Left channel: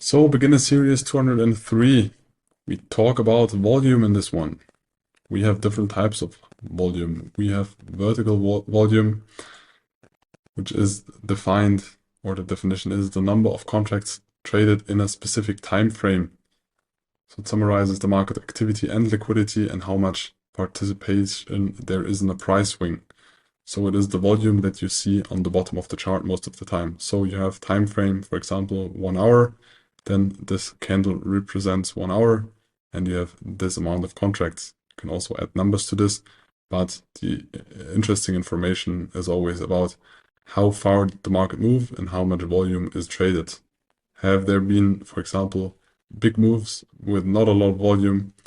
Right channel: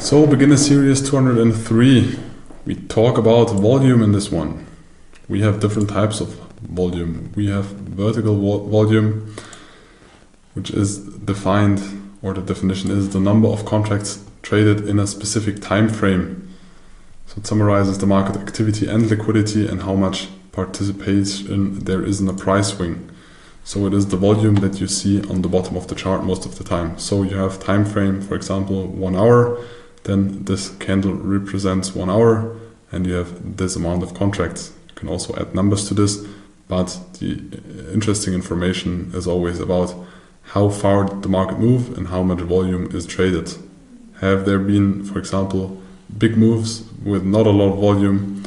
So, beginner series 203. We talk about volume in this one. We have different types of volume. We have vertical volume, which is defined, or the definition is the number of contracts traded in a specific time frame. So it summarizes the market activity and liquidity and how much participation there is in a price swing. So it is the volume that you see on the bottom of the chart most of the time. So you have time frame, for example, 1 hour, then this candle represents 1 hour and you have this amount of contracts. You can also add numbers to this, but the interesting information is always about how far did the market move and how much volume is traded. Have there been, for example, big moves with not a lot of volume,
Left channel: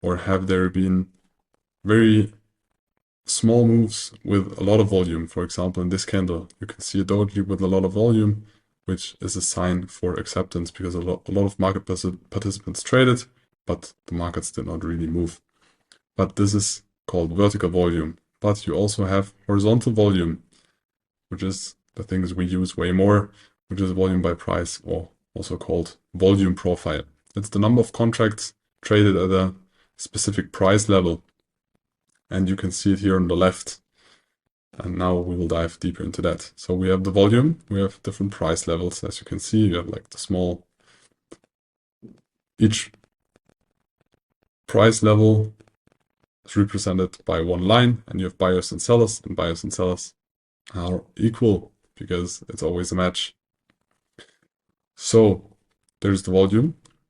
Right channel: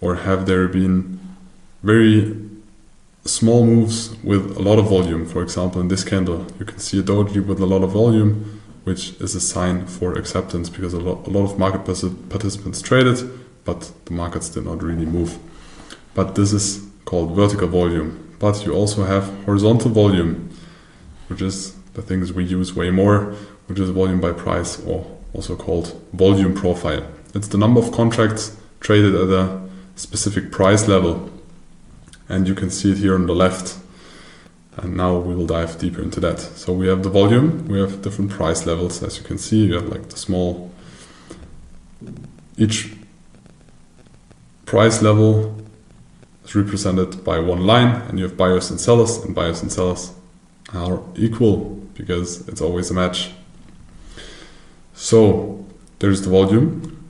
or have there been very small moves with a lot of volume? For example, in this candle, you can see a doji with a lot of volume, which is a sign for acceptance because a lot of market participants traded, but the markets did not really move. But this is called vertical volume. But you also have horizontal volume, which is the things we use way more, which is volume by price, or also called volume profile. It's the number of contracts traded at a specific price level. And you can see it here on the left. And now we will dive deeper into that. So we have the volume, we have different price levels. As you can see, you have like the small, each price level is represented by one line, and you have buyers and sellers are equal because it's always a match. So there's the volume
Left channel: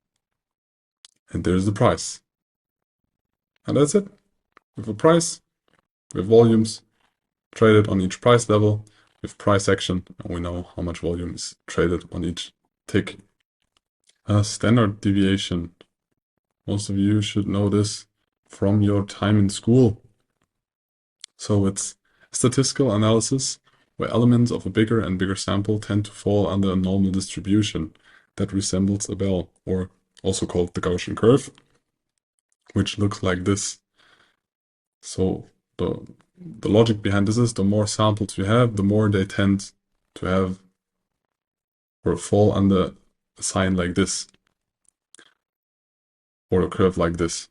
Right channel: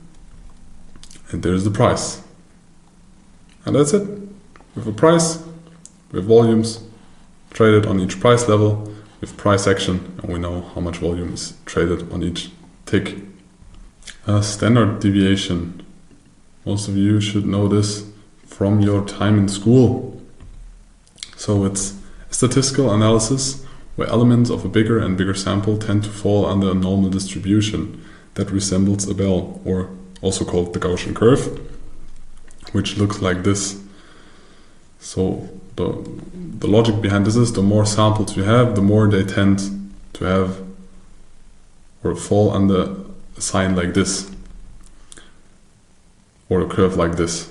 and there's the price. And that's it. We have a price, we have volumes traded on each price level, with price action, and we know how much volume is traded on each tick. A standard deviation. Most of you should know this from your time in school. So it's a statistical analysis where elements of a bigger and bigger sample tend to fall under a normal distribution that resembles a bell, or also called the Gaussian curve, which looks like this. So the logic behind this is the more samples you have, the more they tend to have or fall under a sign like this, or a curve like this,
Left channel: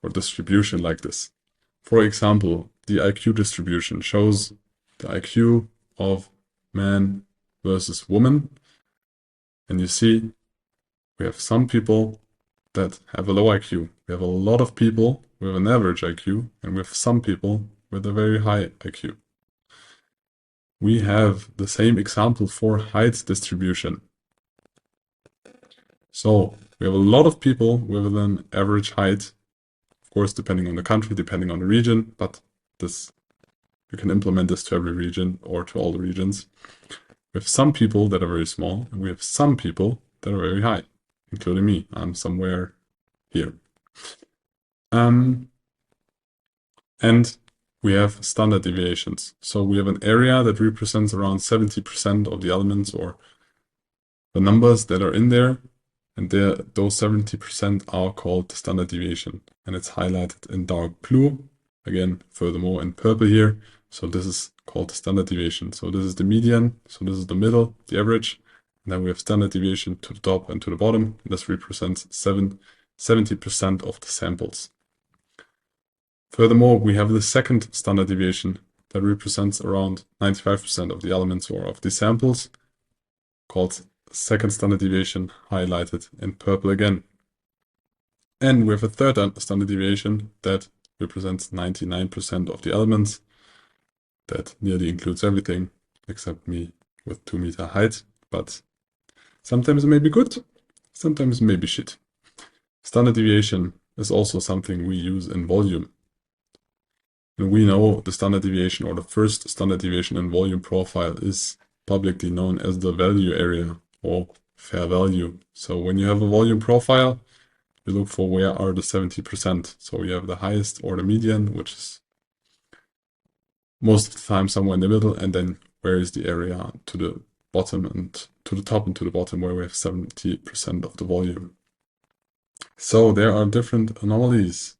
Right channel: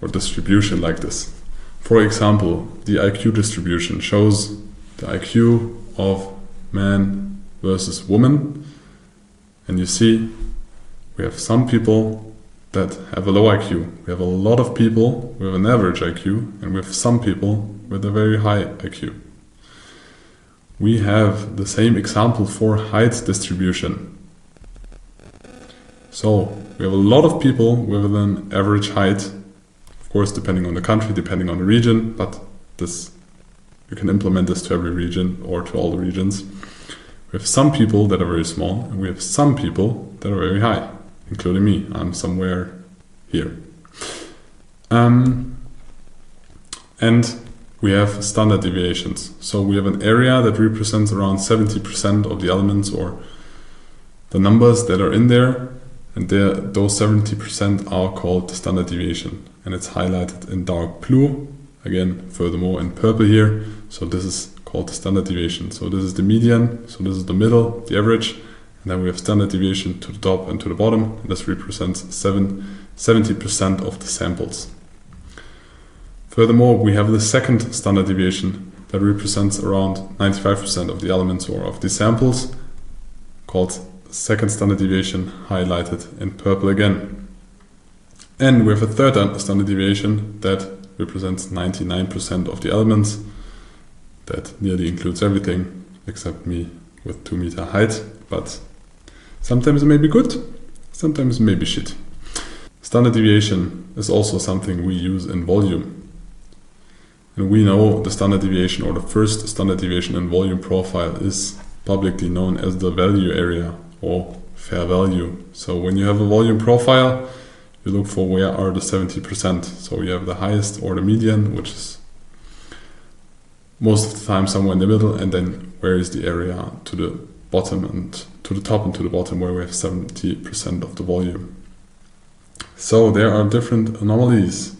or distribution like this. For example, the IQ distribution shows the IQ of man versus woman, and you see we have some people that have a low IQ. We have a lot of people with an average IQ, and we have some people with a very high IQ. We have the same example for height distribution. So we have a lot of people with an average height, of course depending on the country, depending on the region, but this you can implement this to every region or to all the regions. We have some people that are very small, and we have some people that are very high, including me. I'm somewhere here. And we have standard deviations. So we have an area that represents around 70% of the elements or the numbers that are in there, and those 70% are called the standard deviation, and it's highlighted in dark blue, again furthermore in purple here. So this is called the standard deviation. So this is the median, so this is the middle, the average, and then we have standard deviation to the top and to the bottom, and this represents 70% of the samples. Furthermore, we have the second standard deviation that represents around 95% of the elements or of the samples, called second standard deviation, highlighted in purple again. And we have a third standard deviation that represents 99% of the elements. That nearly includes everything except me with 2 meter height, but sometimes it may be good, sometimes it may be shit. Standard deviation is also something we use in volume. And we know the standard deviation, or the first standard deviation in volume profile, is publicly known as the value area or fair value. So when you have a volume profile, you look for where are the 70%. So you have the highest or the median, which is most of the time somewhere in the middle, and then where is the area to the bottom and to the top and to the bottom where we have 70% of the volume. So there are different anomalies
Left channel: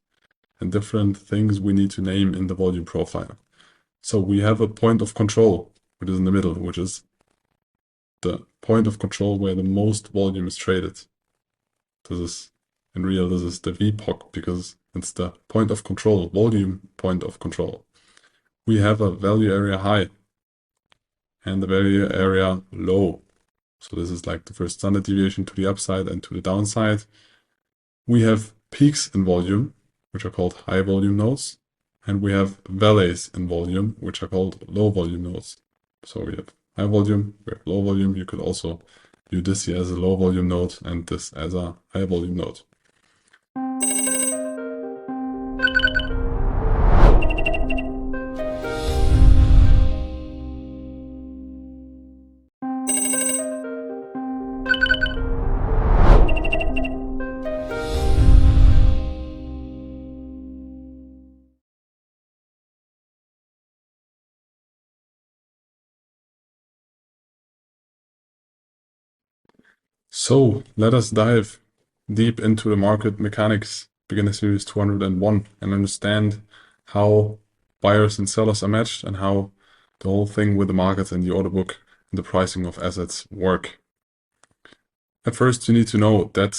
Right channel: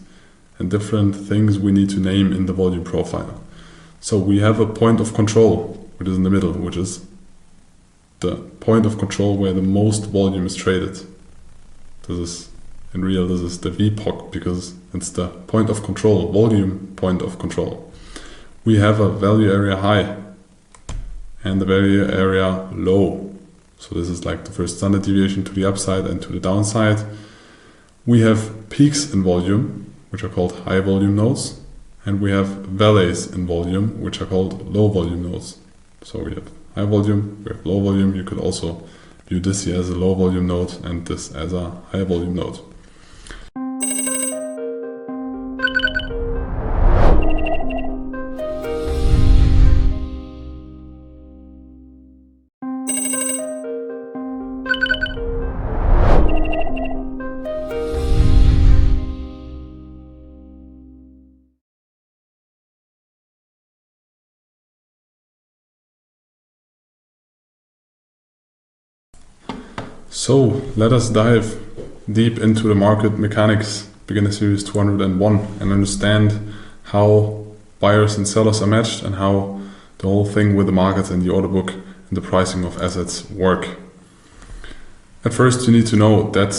and different things we need to name in the volume profile. So we have a point of control, which is in the middle, which is the point of control where the most volume is traded. This is, in real, this is the VPOC because it's the point of control, volume point of control. We have a value area high and the value area low. So this is like the first standard deviation to the upside and to the downside. We have peaks in volume, which are called high volume nodes, and we have valleys in volume, which are called low volume nodes. So we have high volume, we have low volume. You could also view this here as a low volume node and this as a high volume node. So let us dive deep into the market mechanics, beginner series 201, and understand how buyers and sellers are matched and how the whole thing with the market and the order book and the pricing of assets work. At first, you need to know that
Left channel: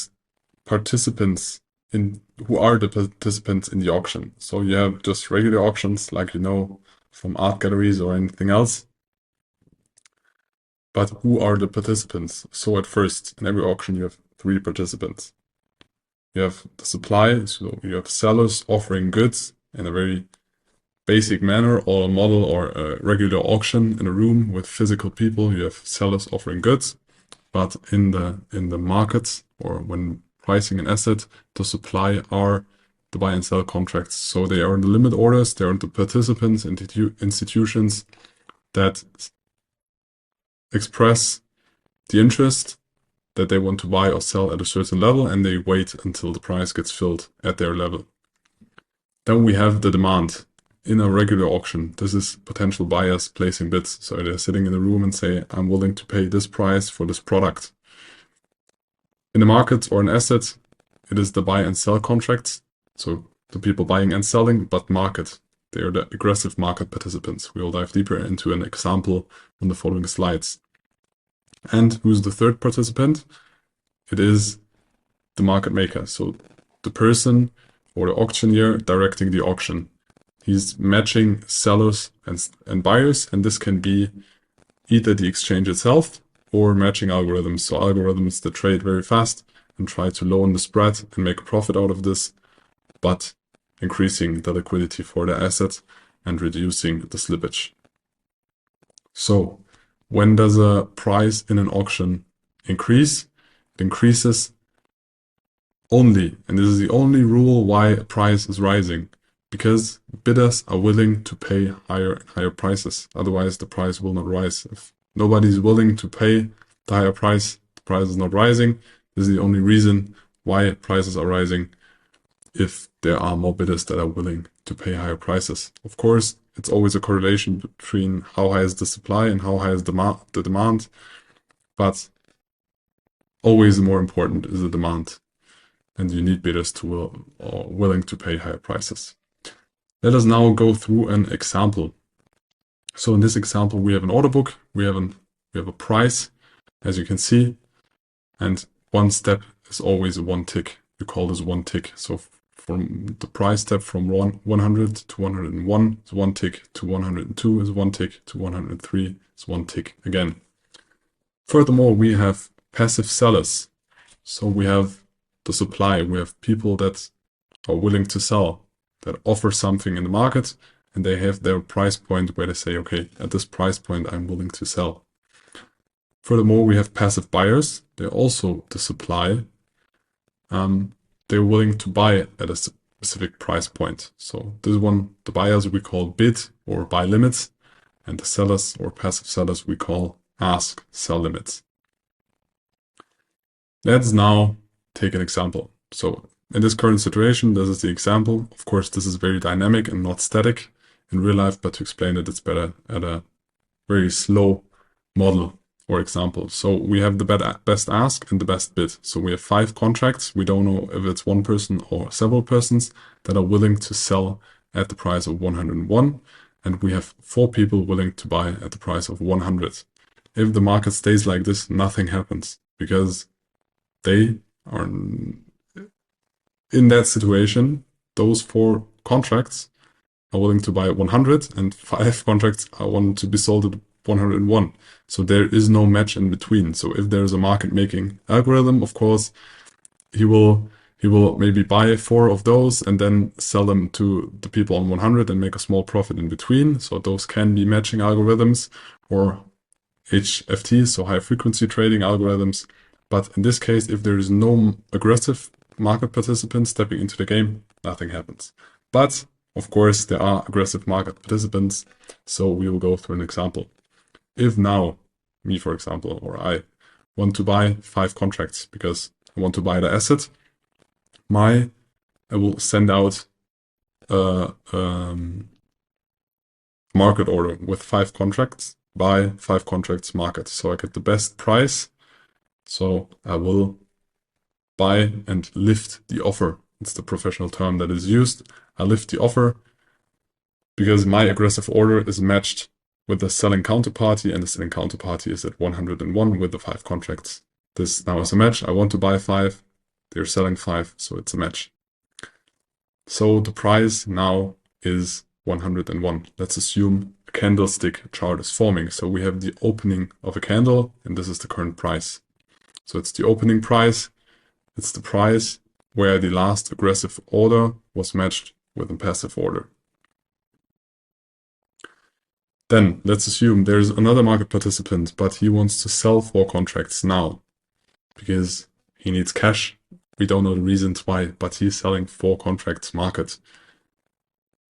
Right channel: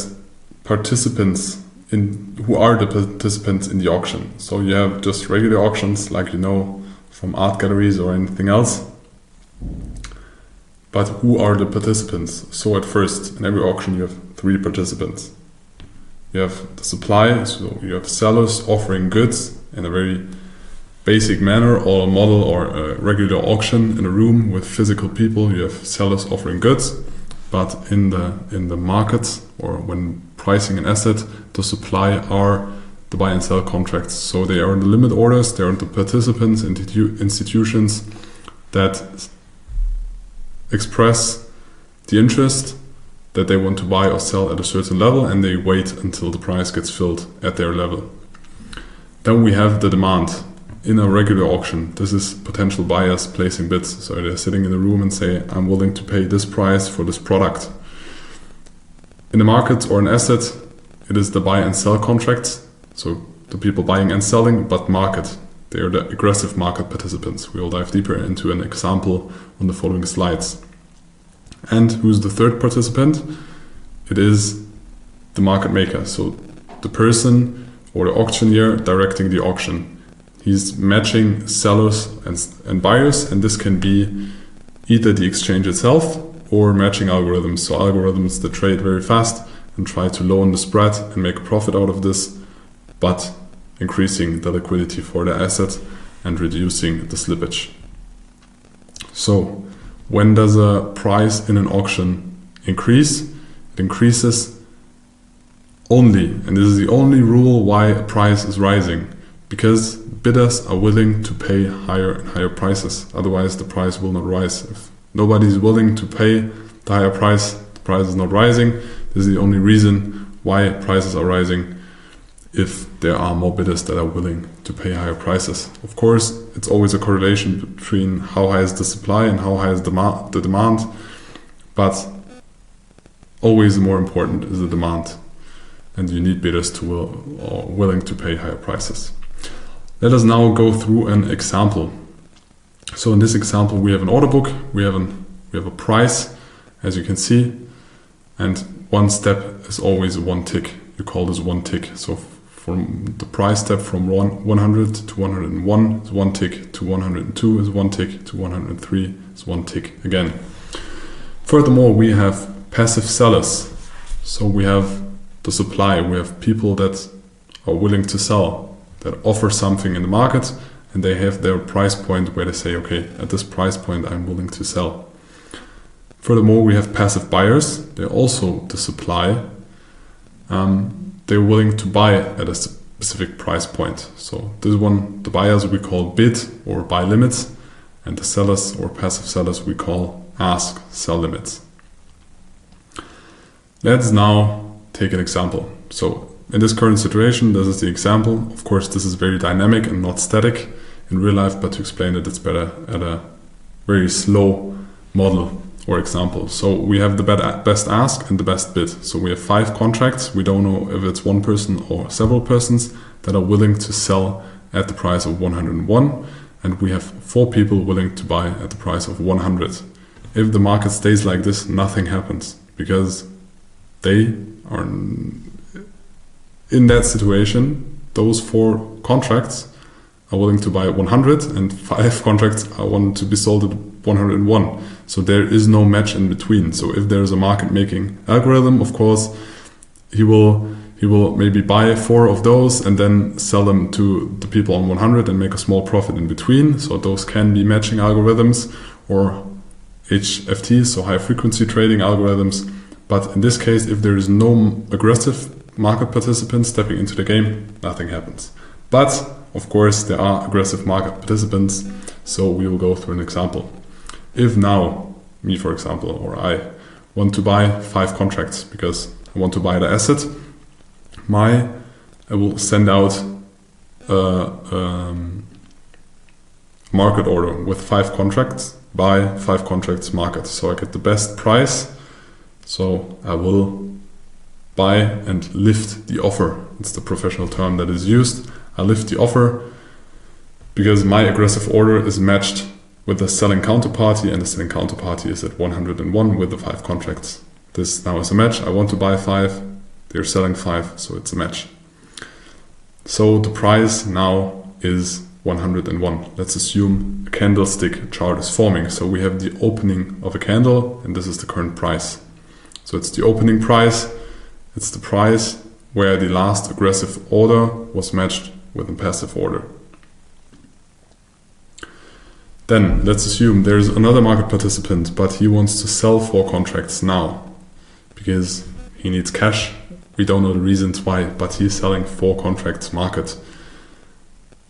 who are the participants in the auction. So you have just regular auctions like you know from art galleries or anything else. But who are the participants? So at first, in every auction, you have three participants. You have the supply, so you have sellers offering goods in a very basic manner, or a model or a regular auction in a room with physical people. You have sellers offering goods, but in the market or when pricing an asset, the supply are the buy and sell contracts. So they are in the limit orders, they are the participants, institutions that express the interest that they want to buy or sell at a certain level, and they wait until the price gets filled at their level. Then we have the demand. In a regular auction, this is potential buyers placing bids. So they're sitting in the room and say, I'm willing to pay this price for this product. In the market or an asset, it is the buy and sell contracts. So the people buying and selling, but market. They are the aggressive market participants. We will dive deeper into an example on the following slides. And who's the third participant? It is the market maker. So the person or the auctioneer directing the auction. He's matching sellers and buyers, and this can be either the exchange itself or matching algorithms. So algorithms that trade very fast and try to lower the spread and make a profit out of this, but increasing the liquidity for the asset and reducing the slippage. So when does a price in an auction increase? It increases only, and this is the only rule why a price is rising, because bidders are willing to pay higher and higher prices. Otherwise the price will not rise. If nobody is willing to pay the higher price, the price is not rising. This is the only reason why prices are rising, if there are more bidders that are willing to pay higher prices. Of course, it's always a correlation between how high is the supply and how high is the demand, but always more important is the demand, and you need bidders are willing to pay higher prices. Let us now go through an example. So in this example, we have an order book, we have a price, as you can see, and one step is always one tick. You call this one tick. So from the price step from 100 to 101 is one tick, to 102 is one tick, to 103 is one tick again. Furthermore, we have passive sellers. So we have the supply, we have people that are willing to sell, that offer something in the market, and they have their price point where they say, okay, at this price point I'm willing to sell. Furthermore, we have passive buyers. They're also the supply. They're willing to buy at a specific price point. So this one, the buyers we call bid or buy limits, and the sellers or passive sellers we call ask, sell limits. Let's now take an example. So in this current situation, this is the example. Of course, this is very dynamic and not static in real life, but to explain it, it's better at a very slow model or example. So we have the best ask and the best bid. So we have 5 contracts. We don't know if it's one person or several persons that are willing to sell at the price of 101. And we have 4 people willing to buy at the price of 100. If the market stays like this, nothing happens, because they are in that situation. Those 4 contracts are willing to buy 100 and 5 contracts are wanting to be sold at 101. So there is no match in between. So if there is a market making algorithm, of course, he will maybe buy 4 of those and then sell them to the people on 100 and make a small profit in between. So those can be matching algorithms or HFTs, so high frequency trading algorithms. But in this case, if there is no aggressive market participants stepping into the game, nothing happens. But of course, there are aggressive market participants, so we will go through an example. If now, me for example, or I want to buy 5 contracts because I want to buy the asset, I will send out a market order with 5 contracts, buy 5 contracts market. So I get the best price. So I will buy and lift the offer. It's the professional term that is used. I lift the offer because my aggressive order is matched with the selling counterparty, and the selling counterparty is at 101 with the 5 contracts. This now is a match. I want to buy 5. They're selling 5, so it's a match. So the price now is 101. Let's assume a candlestick chart is forming. So we have the opening of a candle, and this is the current price. So it's the opening price. It's the price where the last aggressive order was matched with a passive order. Then let's assume there's another market participant, but he wants to sell 4 contracts now because he needs cash. We don't know the reasons why, but he's selling 4 contracts market.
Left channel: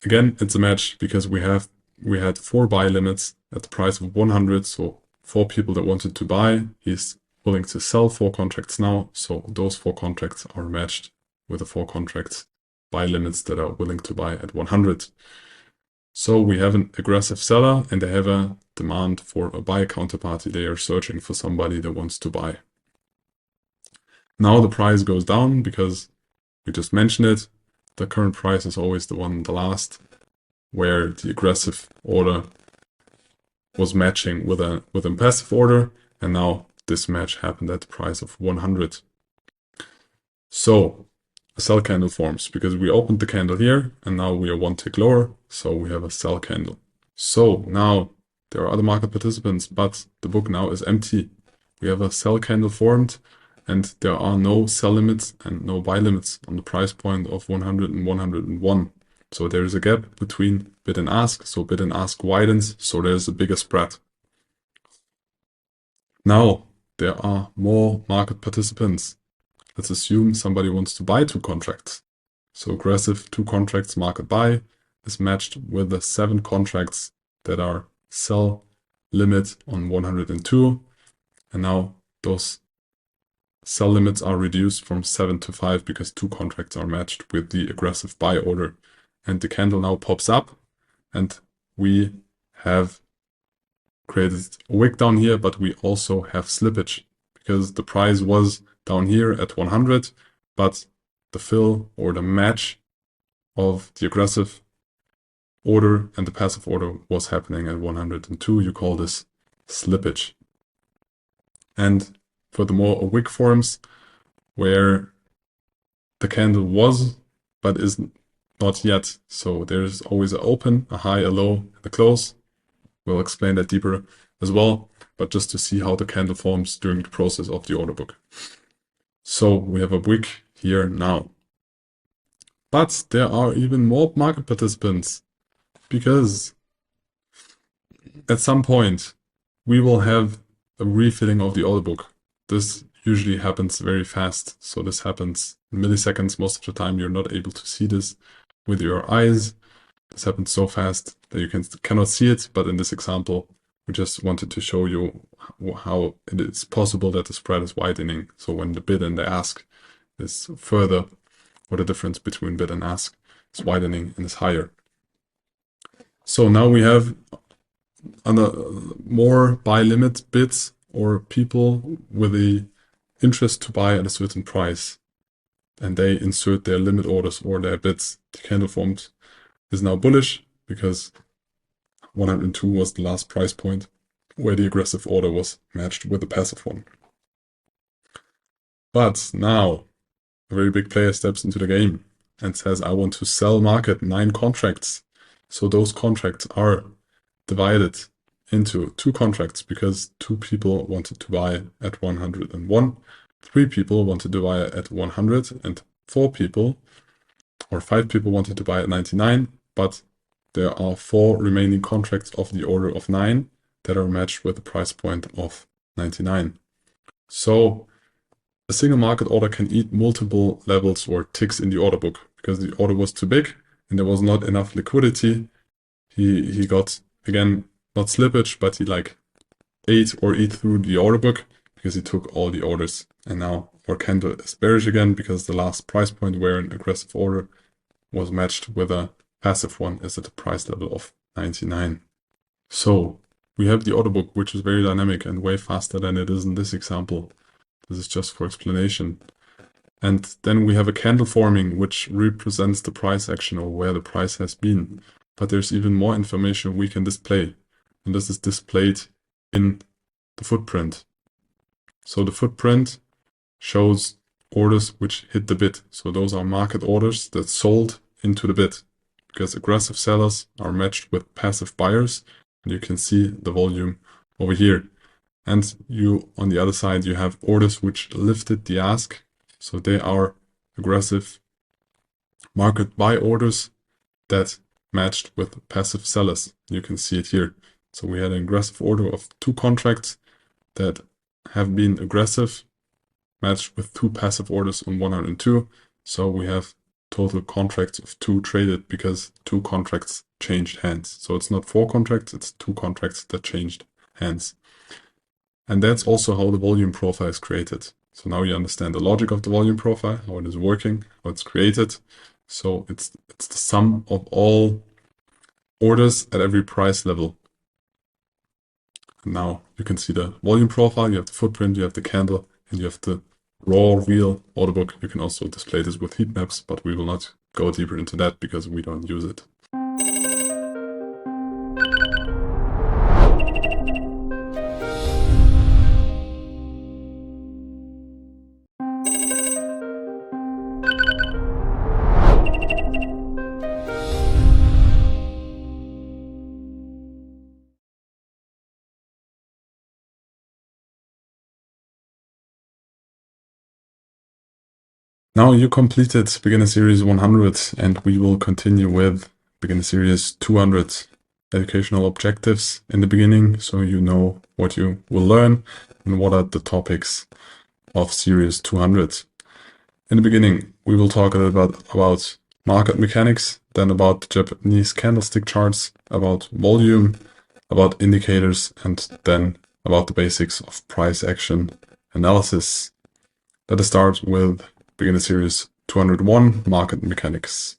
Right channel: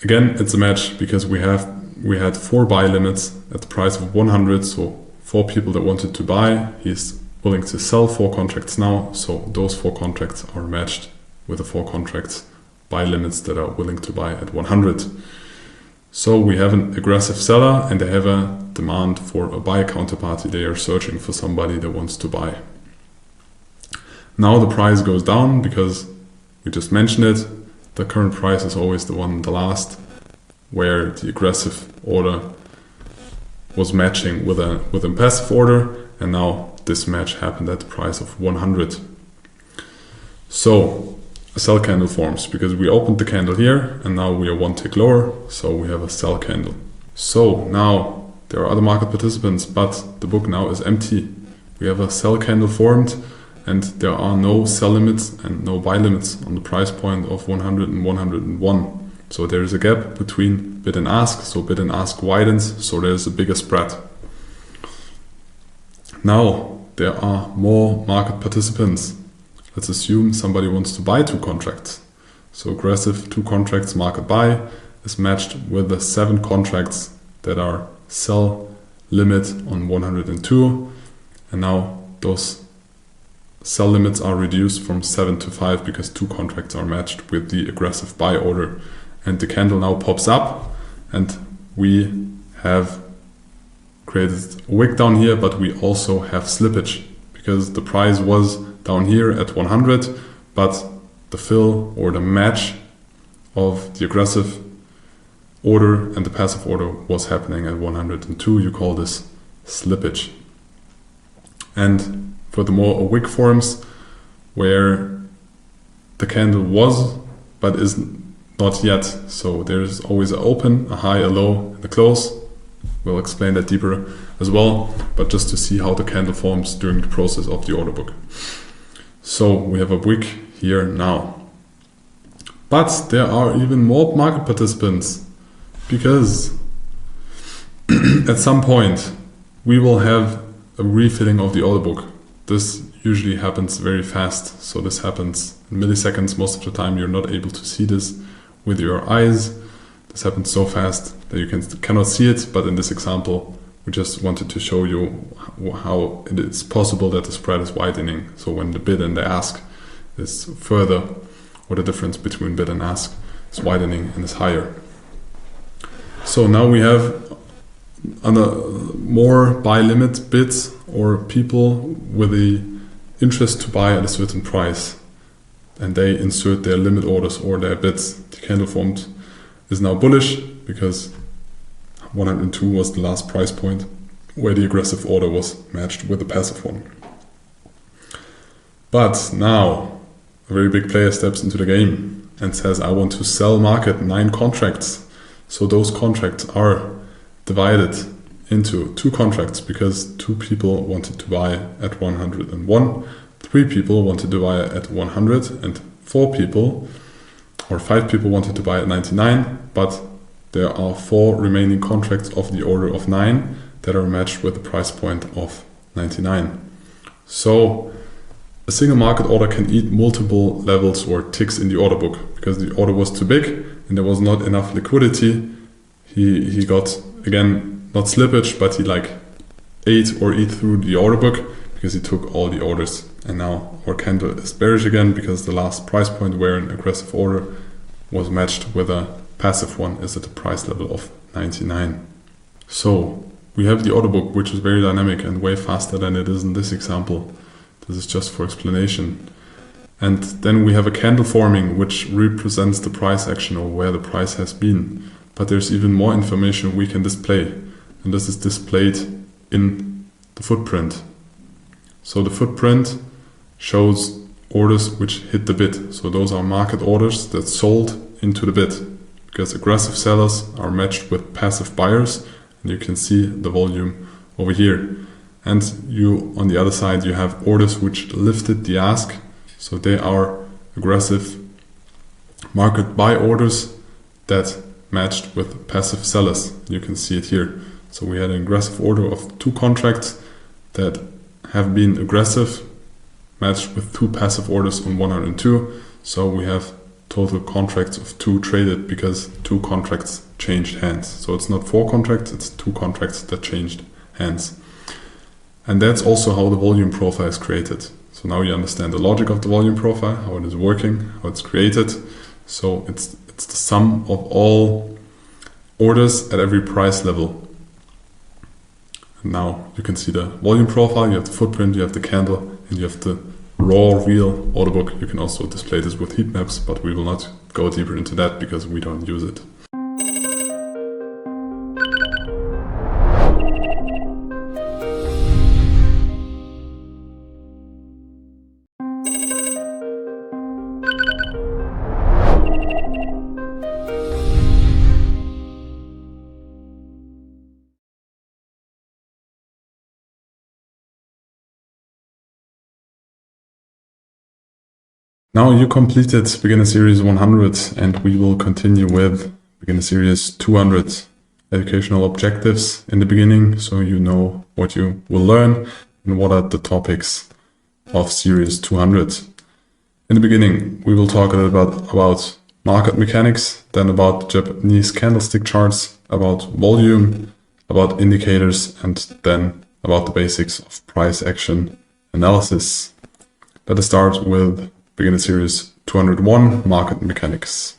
Again, it's a match because we had 4 buy limits at the price of 100. So 4 people that wanted to buy, he's willing to sell 4 contracts now. So those 4 contracts are matched with the 4 contracts buy limits that are willing to buy at 100. So we have an aggressive seller and they have a demand for a buy counterparty. They are searching for somebody that wants to buy. Now the price goes down because we just mentioned it. The current price is always the one, the last, where the aggressive order was matching with a passive order, and now this match happened at the price of 100. So a sell candle forms because we opened the candle here and now we are 1 tick lower, so we have a sell candle. So now there are other market participants, but the book now is empty. We have a sell candle formed and there are no sell limits and no buy limits on the price point of 100 and 101. So there is a gap between bid and ask, so bid and ask widens, so there is a bigger spread. Now there are more market participants. Let's assume somebody wants to buy 2 contracts. So aggressive 2 contracts market buy is matched with the 7 contracts that are sell limit on 102. And now those sell limits are reduced from 7 to 5 because 2 contracts are matched with the aggressive buy order. And the candle now pops up and we have created a wick down here, but we also have slippage because the price was down here at 100, but the fill or the match of the aggressive order and the passive order was happening at 102. You call this slippage. And furthermore, a wick forms where the candle was but is not yet. So there's always an open, a high, a low, and a close. We'll explain that deeper as well, but just to see how the candle forms during the process of the order book. So we have a wick here now. But there are even more market participants because at some point we will have a refilling of the order book. This usually happens very fast. So this happens in milliseconds. Most of the time you're not able to see this with your eyes. This happens so fast that you cannot see it, but in this example we just wanted to show you how it is possible that the spread is widening. So when the bid and the ask is further, or the difference between bid and ask is widening and is higher. So now we have more buy limit bids or people with the interest to buy at a certain price, and they insert their limit orders or their bids. The candle formed is now bullish because 102 was the last price point. where the aggressive order was matched with the passive one. But now a very big player steps into the game and says, I want to sell market 9 contracts. So those contracts are divided into 2 contracts because 2 people wanted to buy at 101, 3 people wanted to buy at 100, and 4 people or 5 people wanted to buy at 99, but there are 4 remaining contracts of the order of 9 that are matched with the price point of 99. So a single market order can eat multiple levels or ticks in the order book because the order was too big and there was not enough liquidity. He got, again, not slippage, but he ate through the order book because he took all the orders. And now our candle is bearish again because the last price point where an aggressive order was matched with a passive one is at a price level of 99. So we have the order book, which is very dynamic and way faster than it is in this example. This is just for explanation. And then we have a candle forming, which represents the price action or where the price has been. But there's even more information we can display. And this is displayed in the footprint. So the footprint shows orders which hit the bid. So those are market orders that sold into the bid. Because aggressive sellers are matched with passive buyers. And you can see the volume over here. And on the other side, you have orders which lifted the ask. So they are aggressive market buy orders that matched with passive sellers. You can see it here. So we had an aggressive order of 2 contracts that have been aggressive, matched with 2 passive orders on 102. So we have total contracts of 2 traded because 2 contracts changed hands. So it's not 4 contracts, it's 2 contracts that changed hands. And that's also how the volume profile is created. So now you understand the logic of the volume profile, how it is working, how it's created. So it's the sum of all orders at every price level. And now you can see the volume profile, you have the footprint, you have the candle, and you have the raw, real order book. You can also display this with heat maps, but we will not go deeper into that because we don't use it. Now you completed Beginner Series 100 and we will continue with Beginner Series 200 educational objectives in the beginning so you know what you will learn and what are the topics of Series 200. In the beginning we will talk a little bit about market mechanics, then about Japanese candlestick charts, about volume, about indicators, and then about the basics of price action analysis. Let us start with Beginner Series 201, Market Mechanics.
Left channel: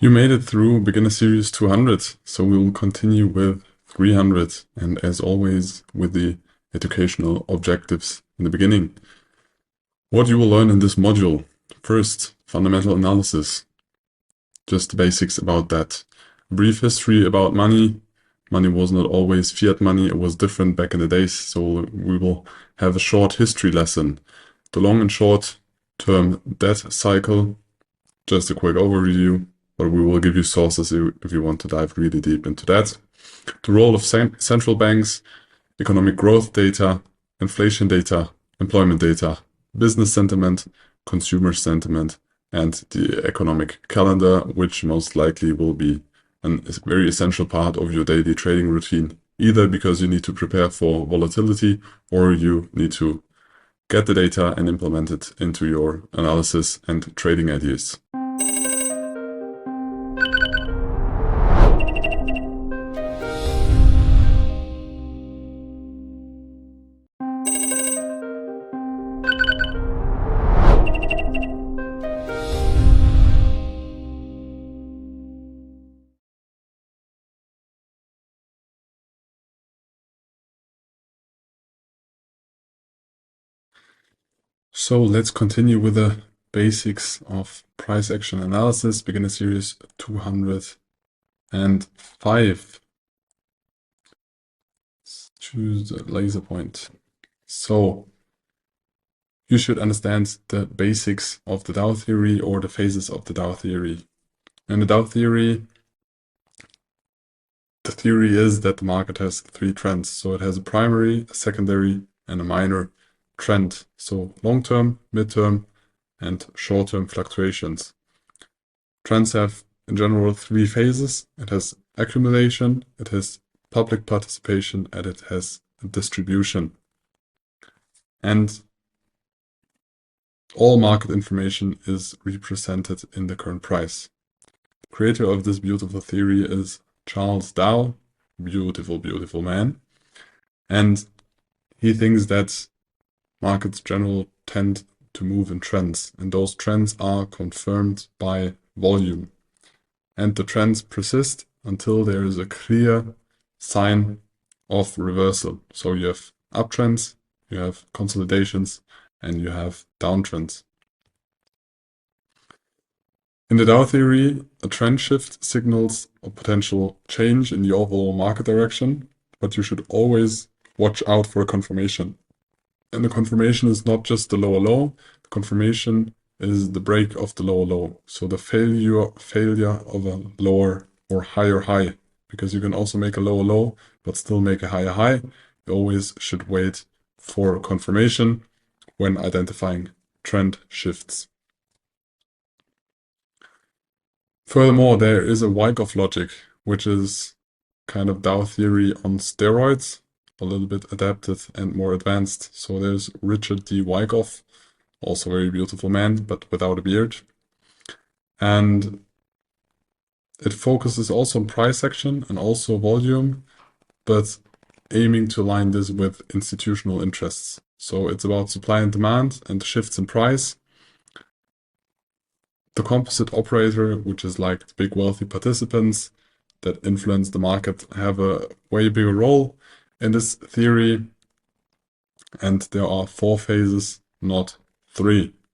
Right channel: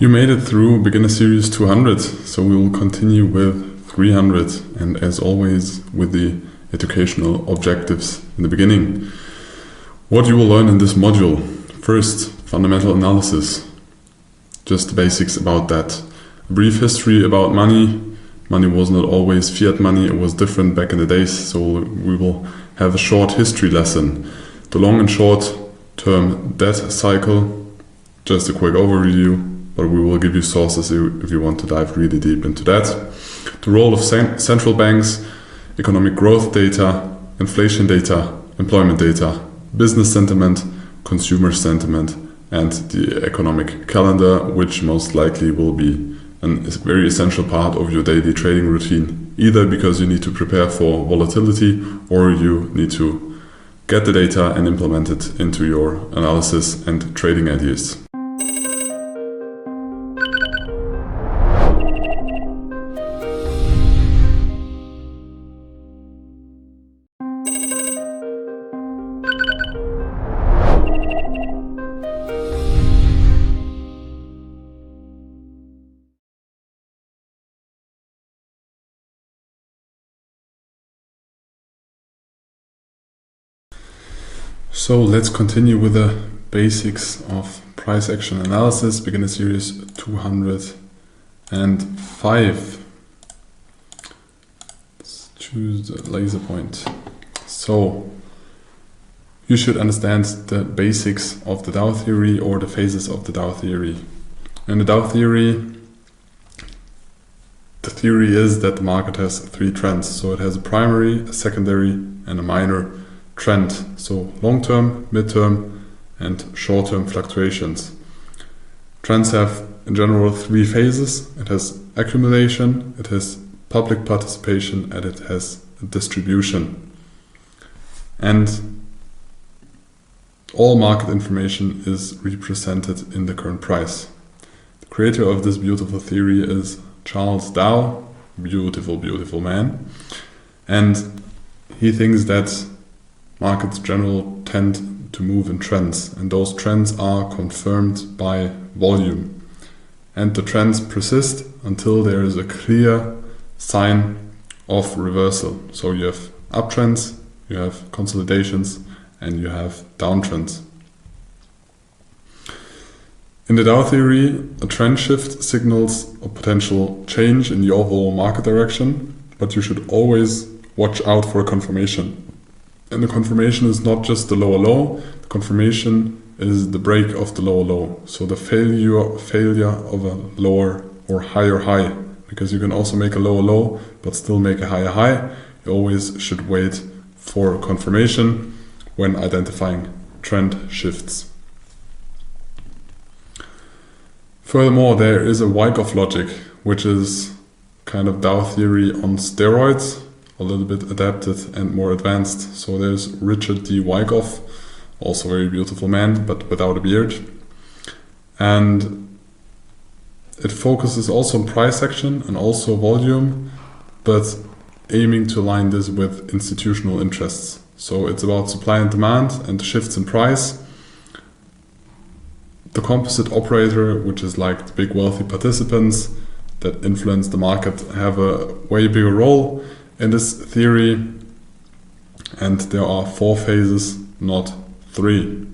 You made it through Beginner Series 200, so we will continue with 300 and as always with the educational objectives in the beginning. What you will learn in this module: first, fundamental analysis, just the basics about that. A brief history about money. Money was not always fiat money, it was different back in the days, so we will have a short history lesson. The long and short term debt cycle, just a quick overview. But we will give you sources if you want to dive really deep into that. The role of central banks, economic growth data, inflation data, employment data, business sentiment, consumer sentiment, and the economic calendar, which most likely will be a very essential part of your daily trading routine, either because you need to prepare for volatility or you need to get the data and implement it into your analysis and trading ideas. So let's continue with the basics of price action analysis, beginner series 205. Let's choose the laser point. So you should understand the basics of the Dow theory or the phases of the Dow theory. In the Dow theory, the theory is that the market has three trends. So it has a primary, a secondary, and a minor trend. So long-term, mid-term, and short-term fluctuations. Trends have in general three phases. It has accumulation, it has public participation, and it has distribution. And all market information is represented in the current price. The creator of this beautiful theory is Charles Dow, beautiful, beautiful man. And he thinks that markets in general tend to move in trends, and those trends are confirmed by volume. And the trends persist until there is a clear sign of reversal. So you have uptrends, you have consolidations, and you have downtrends. In the Dow theory, a trend shift signals a potential change in the overall market direction, but you should always watch out for a confirmation. And the confirmation is not just the lower low, the confirmation is the break of the lower low. So the failure of a lower or higher high, because you can also make a lower low but still make a higher high. You always should wait for confirmation when identifying trend shifts. Furthermore, there is a Wyckoff logic, which is kind of Dow theory on steroids, a little bit adapted and more advanced. So there's Richard D. Wyckoff, also a very beautiful man, but without a beard. And it focuses also on price action and also volume, but aiming to align this with institutional interests. So it's about supply and demand and shifts in price. The composite operator, which is like the big wealthy participants that influence the market, have a way bigger role in this theory. And there are four phases, not three.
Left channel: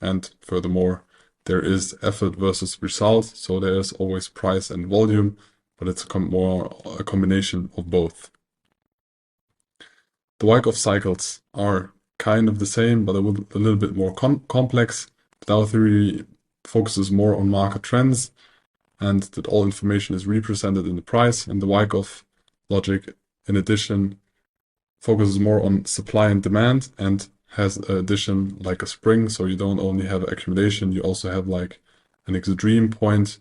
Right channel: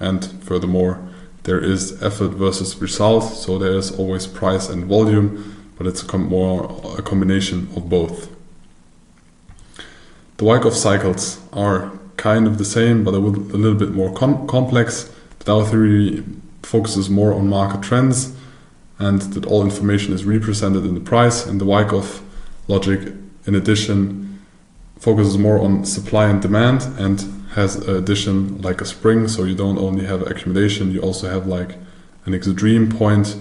And furthermore, there is effort versus result. So there is always price and volume, but it's more a combination of both. The Wyckoff cycles are kind of the same, but a little bit more complex. The Dow theory focuses more on market trends and that all information is represented in the price, and the Wyckoff logic, in addition, focuses more on supply and demand and has an addition like a spring. So you don't only have accumulation, you also have like an extreme point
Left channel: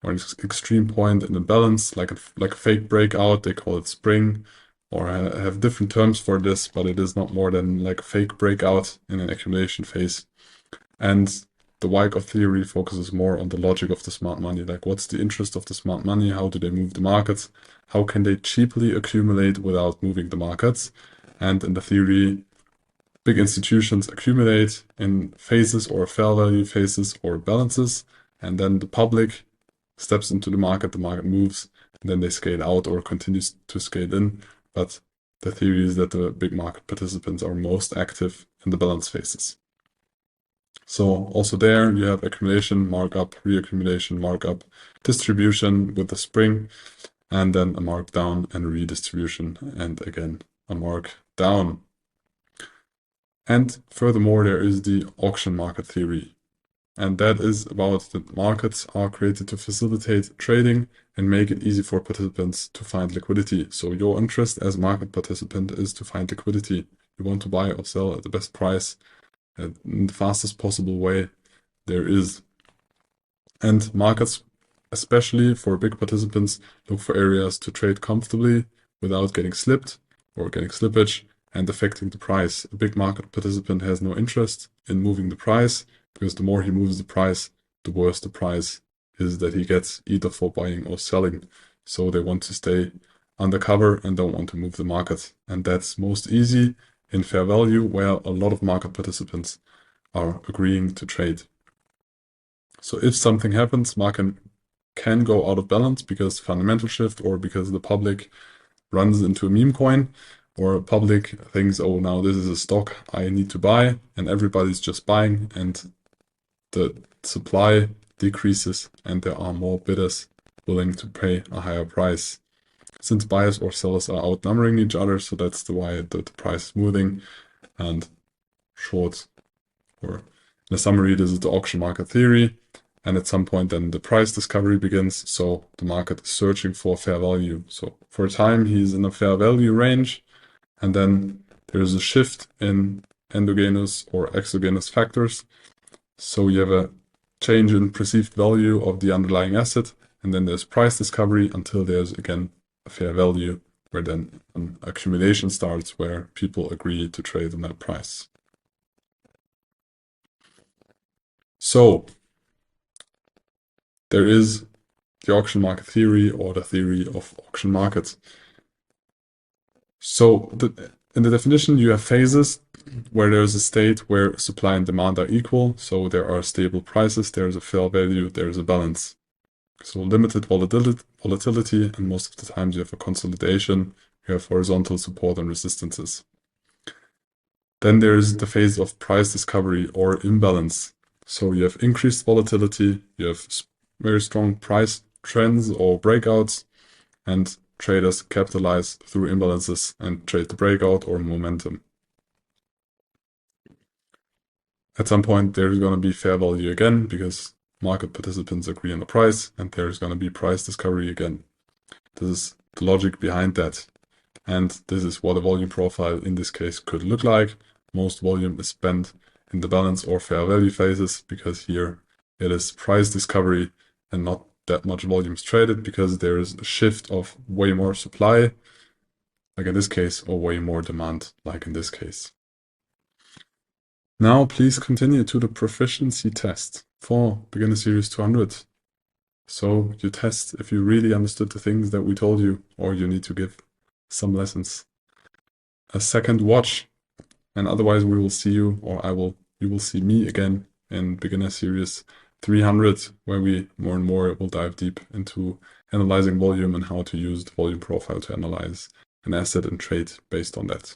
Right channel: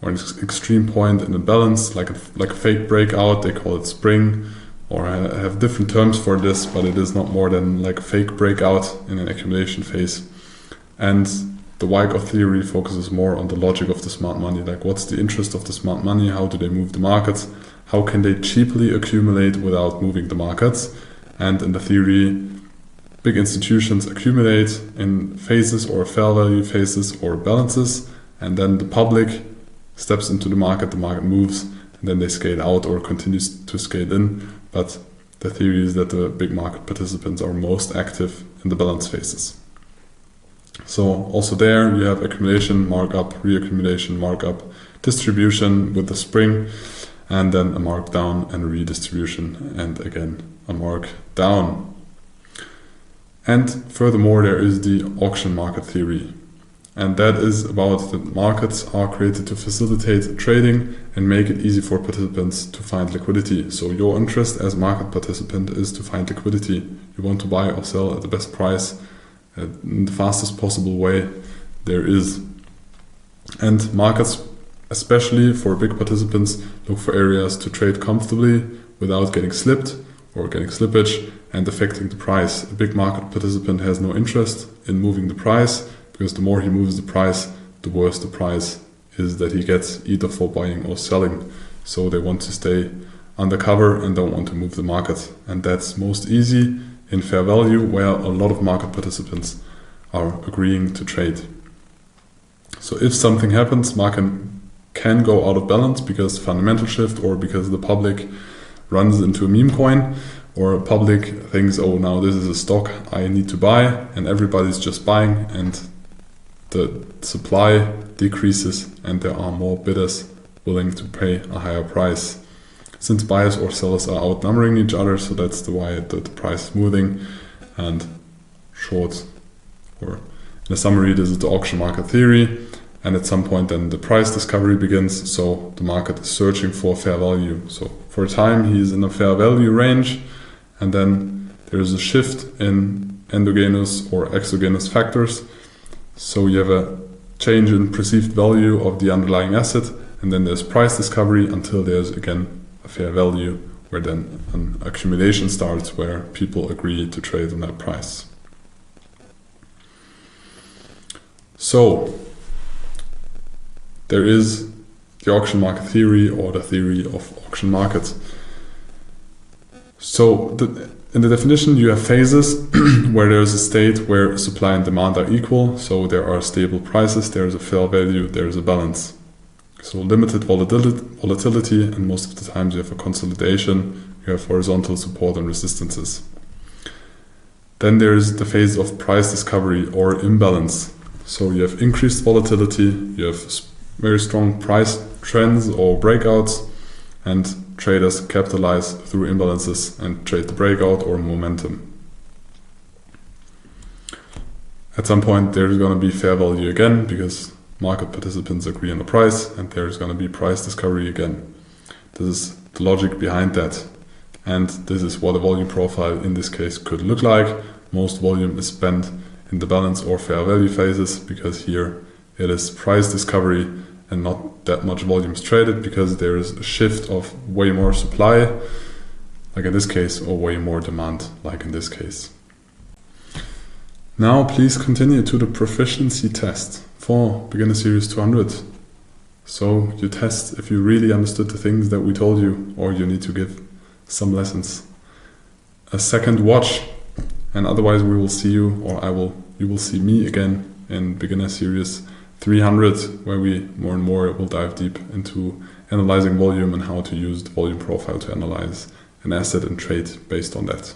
or an extreme point in a balance, like a fake breakout. They call it spring, or I have different terms for this, but it is not more than like a fake breakout in an accumulation phase. And the Wyckoff theory focuses more on the logic of the smart money, like what's the interest of the smart money, how do they move the markets, how can they cheaply accumulate without moving the markets. And in the theory, big institutions accumulate in phases or fair value phases or balances, and then the public steps into the market moves, and then they scale out or continues to scale in. But the theory is that the big market participants are most active in the balance phases. So also there you have accumulation, markup, reaccumulation, markup, distribution with the spring, and then a mark down and redistribution, and again a mark down. And furthermore, there is the auction market theory. And that is about that markets are created to facilitate trading and make it easy for participants to find liquidity. So your interest as a market participant is to find liquidity. You want to buy or sell at the best price in the fastest possible way there is. And markets, especially for big participants, look for areas to trade comfortably without getting slipped or getting slippage and affecting the price. A big market participant has no interest in moving the price, because the more he moves the price, the worse the price is that he gets, either for buying or selling. So they want to stay undercover and don't want to move the market. And that's most easy in fair value, where a lot of market participants are agreeing to trade. So if something happens, market can go out of balance because fundamental shift or because the public runs into a meme coin, or public thinks, oh, now this is a stock I need to buy, and everybody's just buying, and the supply decreases and there are more bidders willing to pay a higher price. Since buyers or sellers are outnumbering each other, so that's why the price is moving. And short, or in a summary, this is the auction market theory. And at some point then the price discovery begins, so the market is searching for fair value. So for a time he's in a fair value range, and then there's a shift in endogenous or exogenous factors. So you have a change in perceived value of the underlying asset, and then there's price discovery until there's again a fair value, where then an accumulation starts where people agree to trade on that price. So there is the auction market theory, or the theory of auction markets. So in the definition you have phases where there is a state where supply and demand are equal, so there are stable prices, there is a fair value, there is a balance. So limited volatility, and most of the times you have a consolidation, you have horizontal support and resistances. Then there is the phase of price discovery or imbalance. So you have increased volatility, you have very strong price trends or breakouts, and traders capitalize through imbalances and trade the breakout or momentum. At some point there's going to be fair value again, because market participants agree on the price, and there's going to be price discovery again. This is the logic behind that, and this is what a volume profile in this case could look like. Most volume is spent in the balance or fair value phases, because here it is price discovery and not that much volumes traded, because there is a shift of way more supply, like in this case, or way more demand, like in this case. Now please continue to the proficiency test for Beginner Series 200. So you test if you really understood the things that we told you, or you need to give some lessons a second watch, and otherwise we will see you, or you will see me again in Beginner Series 300, where we more and more will dive deep into analyzing volume and how to use the volume profile to analyze an asset and trade based on that.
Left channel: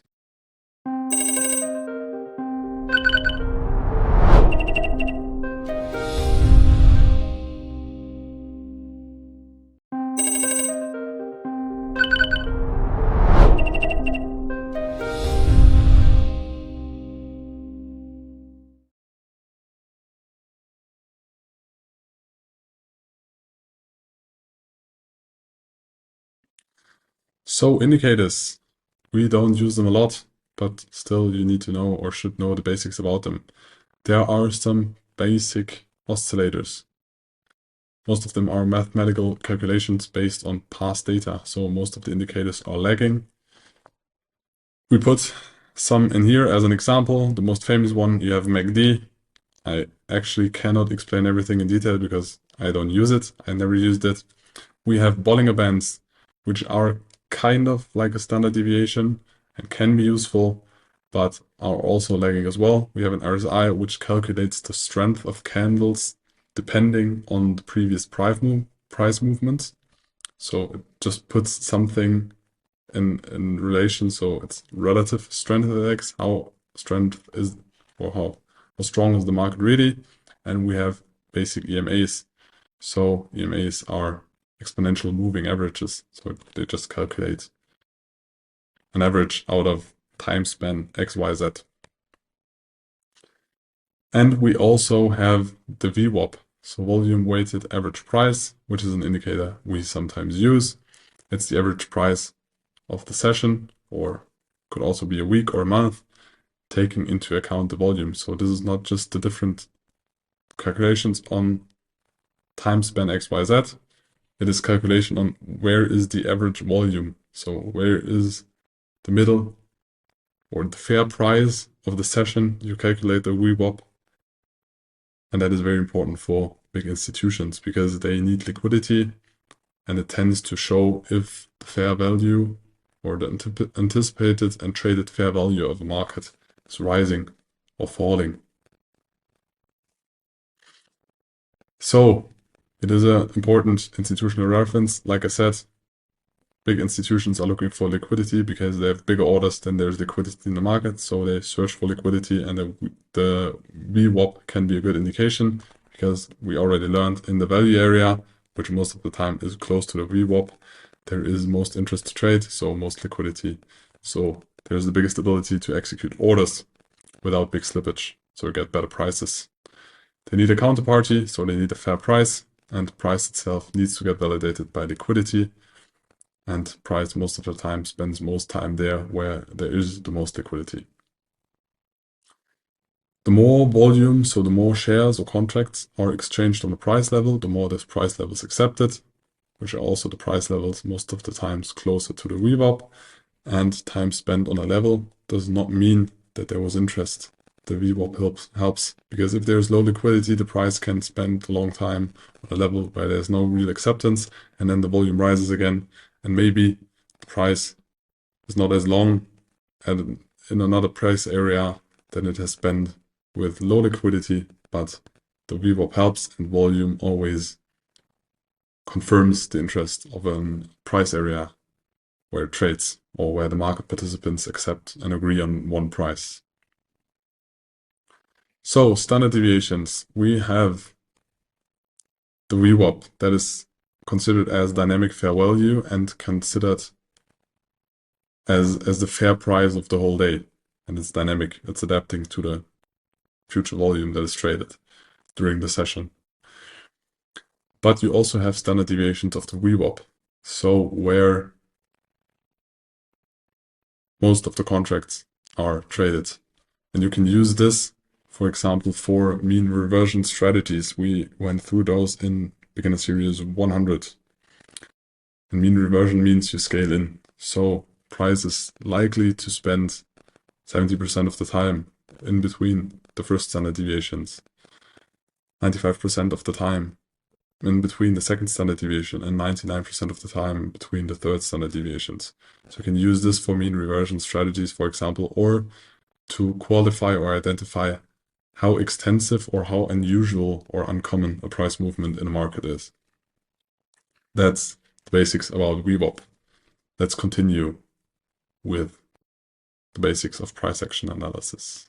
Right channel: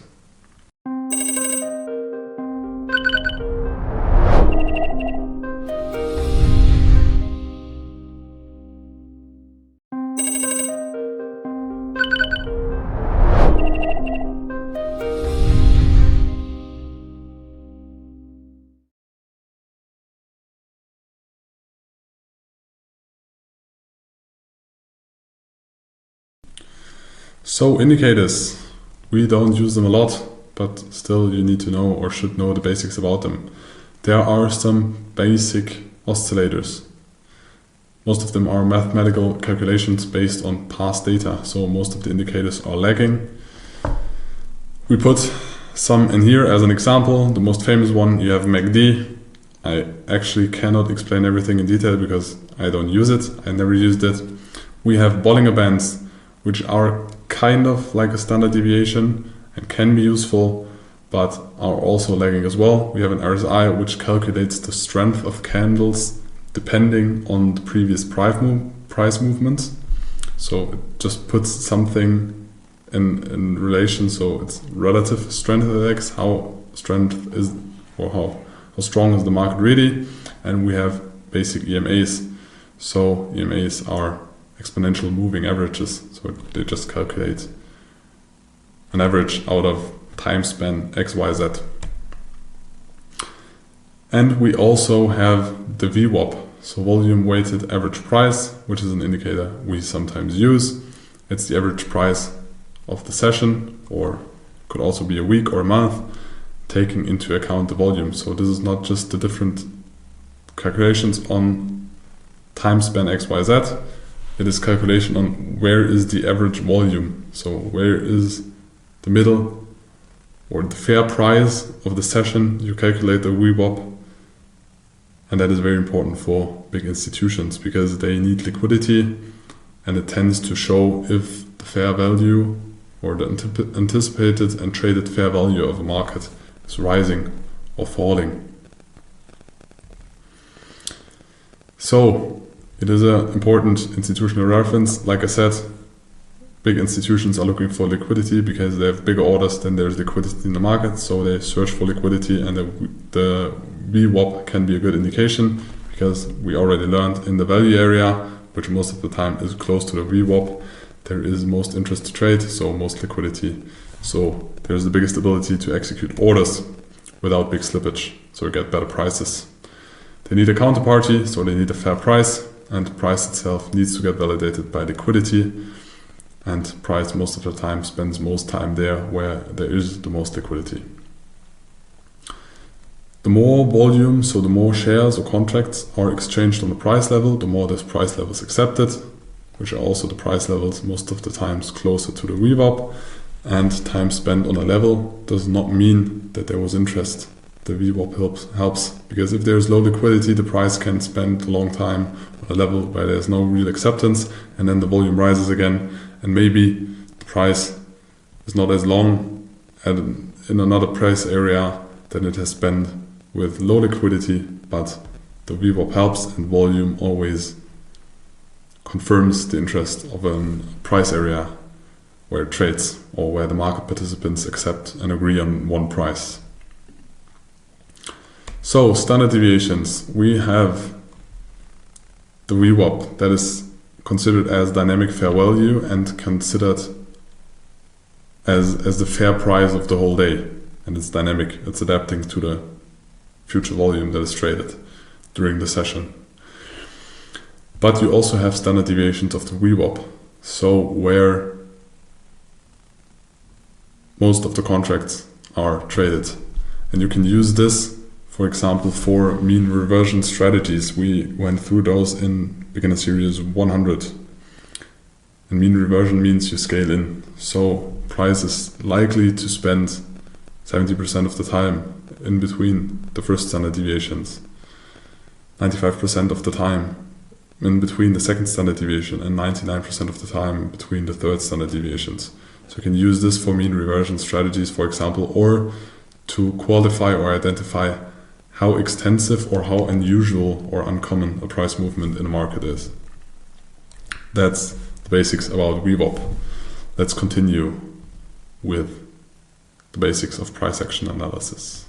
So indicators, we don't use them a lot, but still you need to know or should know the basics about them. There are some basic oscillators. Most of them are mathematical calculations based on past data, so most of the indicators are lagging. We put some in here as an example. The most famous one, you have MACD. I actually cannot explain everything in detail because I don't use it. I never used it. We have Bollinger Bands, which are kind of like a standard deviation and can be useful, but are also lagging as well. We have an RSI, which calculates the strength of candles depending on the previous price movements. So it just puts something in relation, so it's relative strength index, how strength is, or how strong is the market really. And we have basic EMAs. So EMAs are exponential moving averages, so they just calculate an average out of time span X, Y, Z. And we also have the VWAP, so volume weighted average price, which is an indicator we sometimes use. It's the average price of the session, or could also be a week or a month, taking into account the volume. So this is not just the different calculations on time span X, Y, Z. It is calculation on where is the average volume. So where is the middle or the fair price of the session. You calculate the VWAP. And that is very important for big institutions because they need liquidity, and it tends to show if the fair value or the anticipated and traded fair value of a market is rising or falling. So it is an important institutional reference. Like I said, big institutions are looking for liquidity because they have big orders, then there's liquidity in the market, so they search for liquidity, and the VWAP can be a good indication because we already learned in the value area, which most of the time is close to the VWAP, there is most interest to trade, so most liquidity. So there's the biggest ability to execute orders without big slippage, so we get better prices. They need a counterparty, so they need a fair price, and price itself needs to get validated by liquidity, and price most of the time spends most time there where there is the most liquidity. The more volume, so the more shares or contracts are exchanged on the price level, the more this price level is accepted, which are also the price levels most of the times closer to the VWAP. And time spent on a level does not mean that there was interest. The VWAP helps because if there is low liquidity, the price can spend a long time on a level where there's no real acceptance, and then the volume rises again, and maybe the price is not as long in another price area than it has been with low liquidity, but the VWAP helps, and volume always confirms the interest of a price area where it trades or where the market participants accept and agree on one price. So standard deviations, we have the VWAP that is considered as dynamic fair value and considered as the fair price of the whole day, and it's dynamic, it's adapting to the future volume that is traded during the session. But you also have standard deviations of the VWAP, so where most of the contracts are traded, and you can use this, for example, for mean reversion strategies. We went through those in beginner series 100. And mean reversion means you scale in. So price is likely to spend 70% of the time in between the first standard deviations, 95% of the time in between the second standard deviation, and 99% of the time between the third standard deviations. So you can use this for mean reversion strategies, for example, or to qualify or identify how extensive or how unusual or uncommon a price movement in a market is. That's the basics about VWAP. Let's continue with the basics of price action analysis.